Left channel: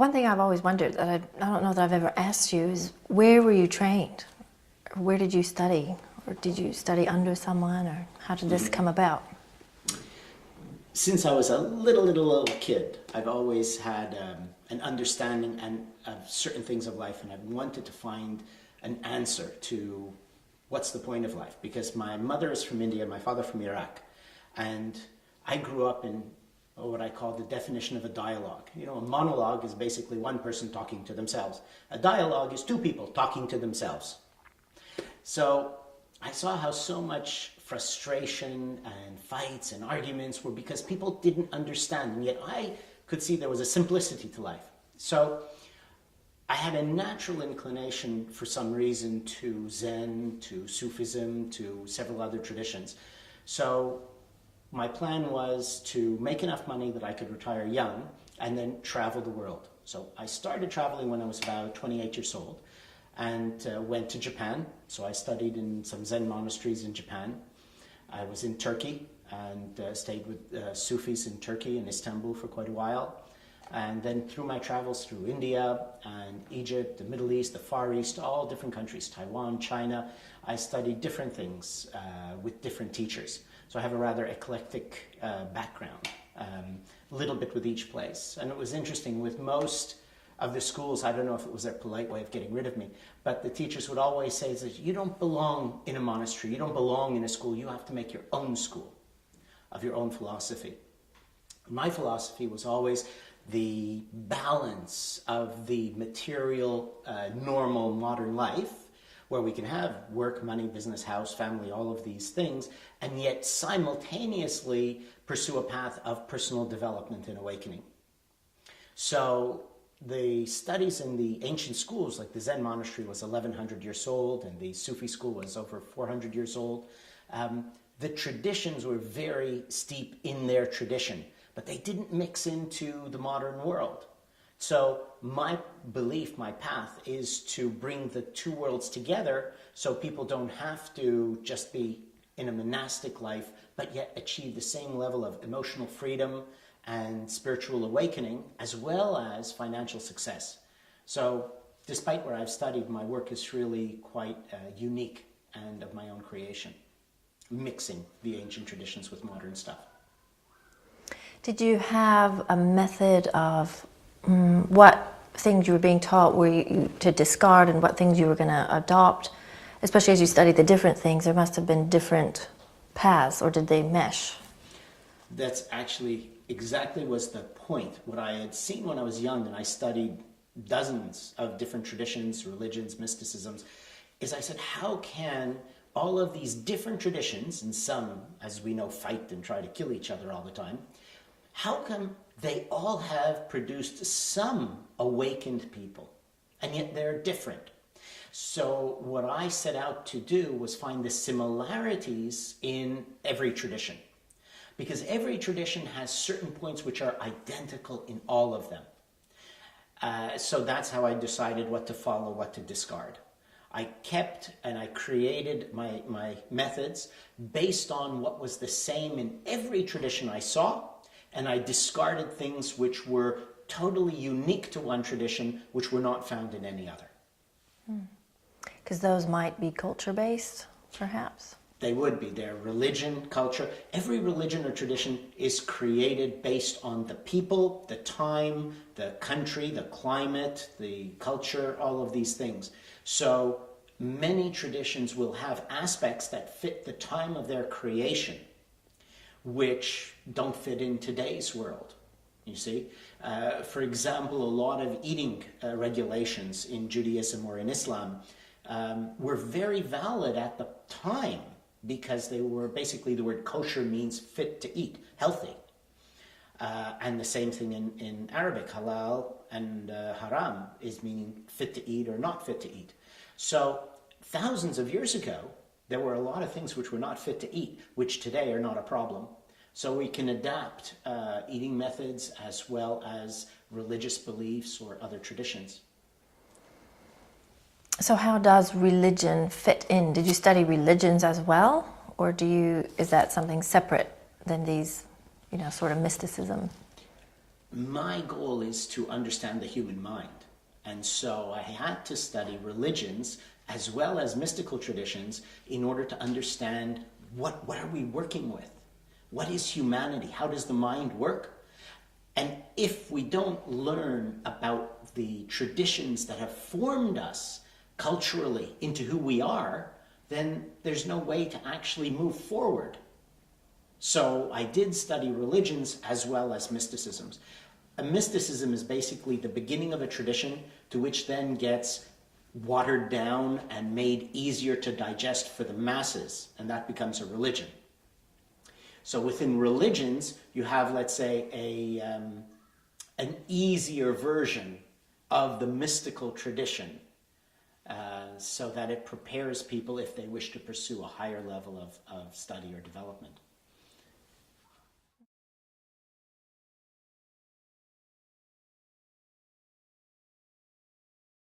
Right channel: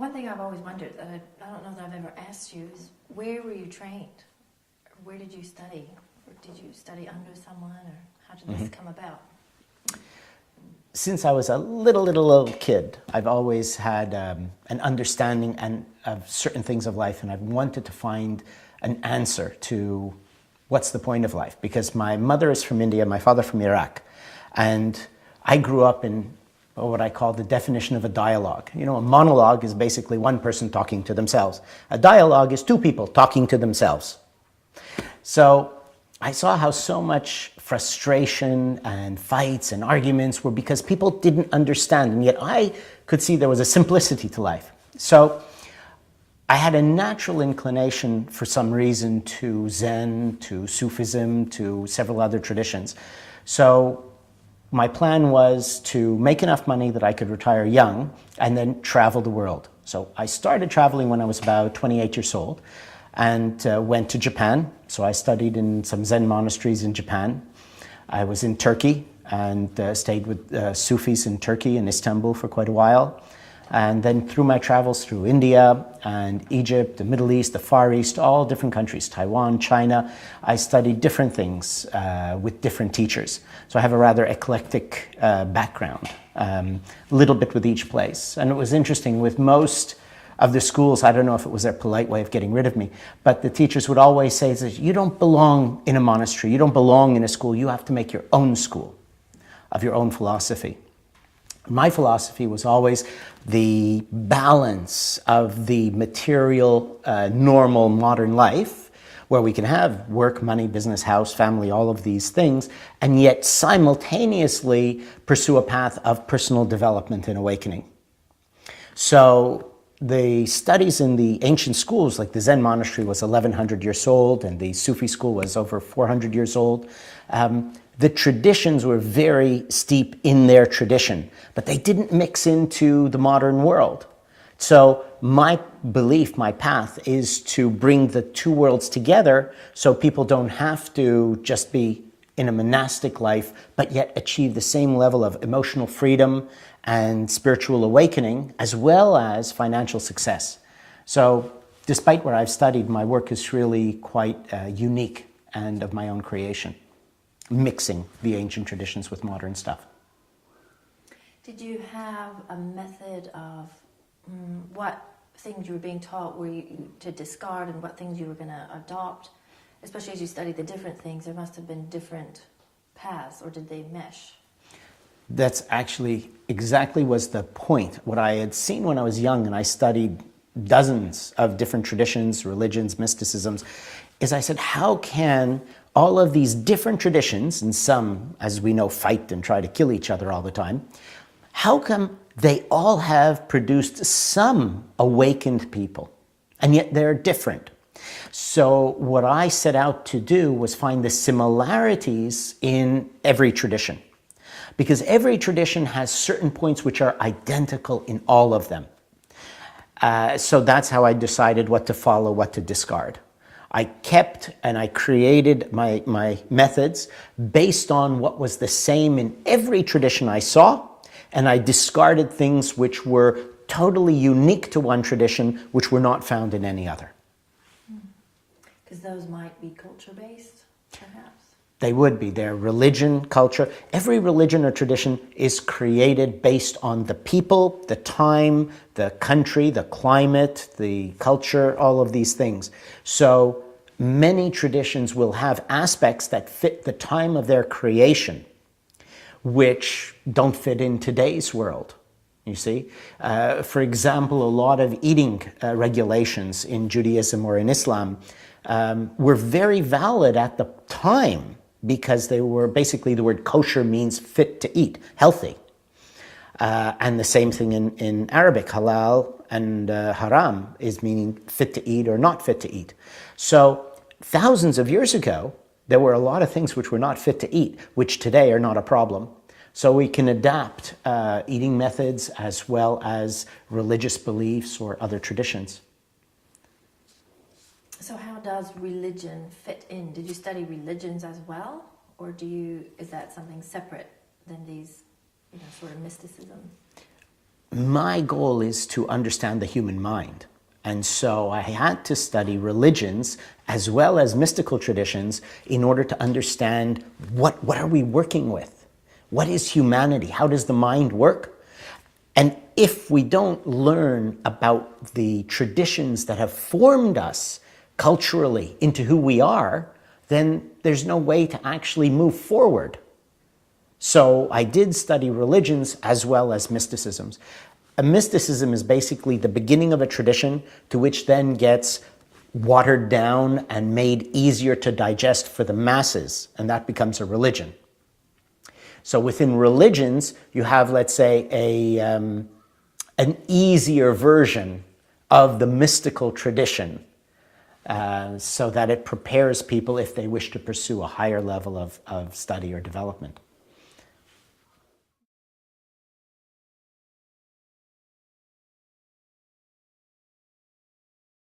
One thing I've always wondered, that I don't know that I've ever asked you, is where were you trained? Where did you study? Or did you study under someone? Or how did this come about? Since I was a little kid, I've always had an understanding of certain things of life, and I've wanted to find an answer to what's the point of life. Because my mother is from India, my father from Iraq, and I grew up in what I call the definition of a dialogue. You know, a monologue is basically one person talking to themselves. A dialogue is two people talking to themselves. So I saw how so much frustration and fights and arguments were because people didn't understand, and yet I could see there was a simplicity to life. So I had a natural inclination for some reason to Zen, to Sufism, to several other traditions. So my plan was to make enough money that I could retire young and then travel the world. So I started traveling when I was about 28 years old and went to Japan. So I studied in some Zen monasteries in Japan. I was in Turkey and stayed with Sufis in Turkey and Istanbul for quite a while. And then through my travels through India and Egypt, the Middle East, the Far East, all different countries, Taiwan, China, I studied different things with different teachers. So I have a rather eclectic background, a little bit with each place. And it was interesting, with most of the schools, I don't know if it was their polite way of getting rid of me, but the teachers would always say that you don't belong in a monastery, you don't belong in a school, you have to make your own school of your own philosophy. My philosophy was always the balance of the material, normal, modern life, where we can have work, money, business, house, family, all of these things, and yet simultaneously pursue a path of personal development and awakening. So the studies in the ancient schools, like the Zen monastery was 1100 years old, and the Sufi school was over 400 years old. The traditions were very steep in their tradition, but they didn't mix into the modern world. So my belief, my path, is to bring the two worlds together so people don't have to just be in a monastic life, but yet achieve the same level of emotional freedom and spiritual awakening, as well as financial success. So despite where I've studied, my work is really quite unique and of my own creation, mixing the ancient traditions with modern stuff. Did you have a method of what things you were being taught were you to discard and what things you were going to adopt? Especially as you studied the different things, there must have been different paths, or did they mesh? That's actually exactly was the point. What I had seen when I was young, and I studied dozens of different traditions, religions, mysticisms, is I said, how can all of these different traditions, and some, as we know, fight and try to kill each other all the time, how come they all have produced some awakened people, and yet they're different? So what I set out to do was find the similarities in every tradition, because every tradition has certain points which are identical in all of them. So that's how I decided what to follow, what to discard. I kept and I created my methods based on what was the same in every tradition I saw, and I discarded things which were totally unique to one tradition, which were not found in any other. Because those might be culture-based, perhaps? They would be. Their religion, culture. Every religion or tradition is created based on the people, the time, the country, the climate, the culture, all of these things. So many traditions will have aspects that fit the time of their creation, which don't fit in today's world, you see. For example, a lot of eating regulations in Judaism or in Islam were very valid at the time, because they were basically, the word kosher means fit to eat, healthy. And the same thing in Arabic, halal and haram is meaning fit to eat or not fit to eat. So thousands of years ago, there were a lot of things which were not fit to eat, which today are not a problem. So we can adapt eating methods as well as religious beliefs or other traditions. So how does religion fit in? Did you study religions as well? Or is that something separate than these, sort of mysticism? my goal is to understand the human mind. And so I had to study religions as well as mystical traditions in order to understand what are we working with? What is humanity? How does the mind work? And if we don't learn about the traditions that have formed us culturally into who we are, then there's no way to actually move forward. So I did study religions as well as mysticisms. A mysticism is basically the beginning of a tradition to which then gets watered down and made easier to digest for the masses, and that becomes a religion. So within religions, you have, let's say, an easier version of the mystical tradition, so that it prepares people if they wish to pursue a higher level of study or development.